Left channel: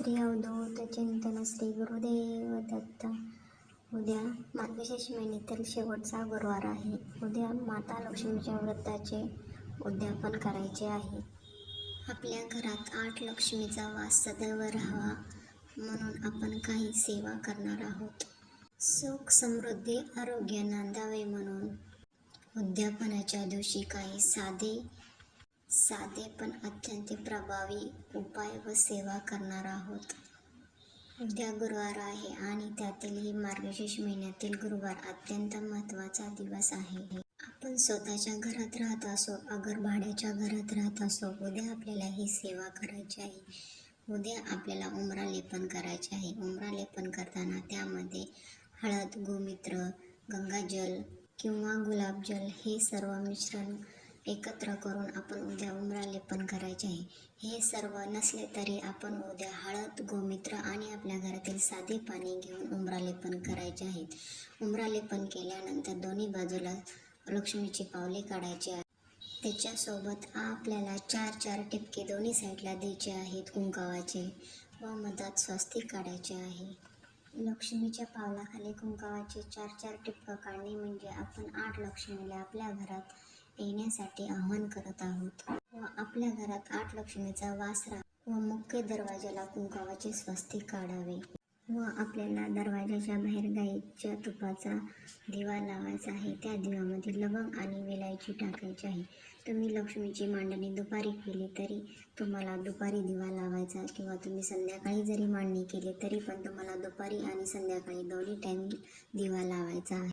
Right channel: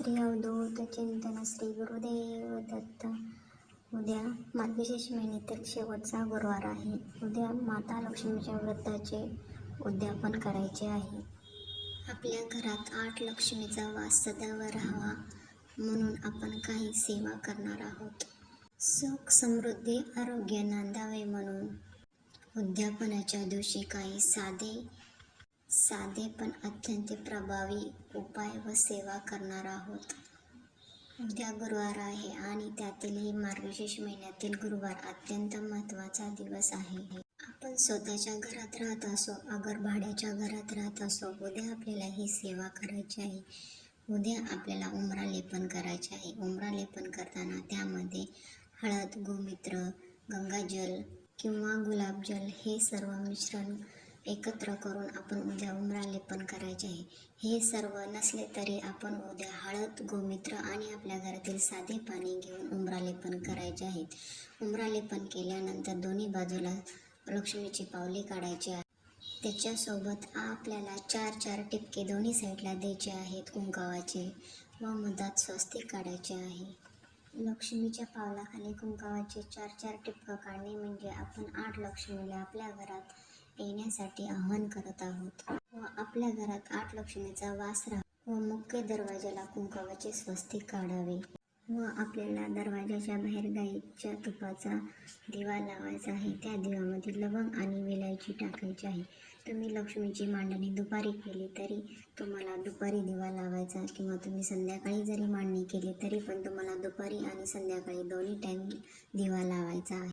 श्री अवधूत चिंतन श्री गुरुदेव दत्त. उद्या मार्गशीर्ष महिन्यातील शेवटचा गुरुवार आहे. उद्या माता लक्ष्मीच्या व्रताचे उद्यापन करायचे आहे. आपल्या घरात 8 लक्ष्मीचा वास सदैव राहावा म्हणून आपण काही सेवा करणार आहोत. सुख समृद्धी आरोग्य नांदावे म्हणून उद्यापनाच्या दिवशी काही साधे पण अत्यंत प्रभावी उपाय व सेवा करणार आहोत. उद्या गुरुवार आहे आणि त्यातीलही मार्गशीर्ष महिन्यातील गुरुवार अत्यंत महत्त्वाचा दिवस आहे. आपण स्वतःच्या घरात राहत असो अगर भाड्याच्या घरात राहत असो, उद्या आपल्याला ही सेवा करायची आहे. उद्या आपल्याला उंबरा लेपन करायचे आहे. उंबरा लेपन करताना त्यामध्ये हळद, गोमूत्र, गंगाजल किंवा गुलाबजल हे सर्व मिश्रण एकत्र करून आपण उद्या उंबरा लेपन करायचे आहे. हे सर्व नसले तरी आपण उद्या हळद, गोमूत्र आणि आपल्या घरातील साधे पाणी घेऊन उंबरा लेपन करायचे आहे. उंबरा लेपन केल्यानंतर दोन्ही बाजूला लक्ष्मीची पावले काढायची आहे. त्याच्यासोबत आपल्याला 4 टिपके दोन्ही साईडला द्यायचे आहेत कुंकावाचे व मधात स्वस्तिक काढायचे आहे. लक्ष्मीच्या पावलाखाली कुंकावाचे 4 टिपकं काढणे म्हणजे आपण 8 लक्ष्मीला आपल्या घरात येण्यासाठी आवाहन करत आहोत व आपल्या घरात 8 लक्ष्मीचा वास राहावा व मुख्य दरवाजाला कुंकावाचे स्वस्तिक काढावे व आपल्याला दरवाजाच्या बाहेर गाईच्या तुपाचा दिवा लावायचा आहे. त्या दिव्यामध्ये लवंग आणि विलायची टाकायची आहे. तुम्ही लक्ष्मीची मांडणी दुपारी केली तरी तुम्हाला दुपारी दिवा लावायचा किंवा तुम्ही संध्याकाळी जरी मांडणी केली तरी पण तुम्हाला दुपारी आणि संध्याकाळी दोन्ही टाईम दिवा लावायचा आहे.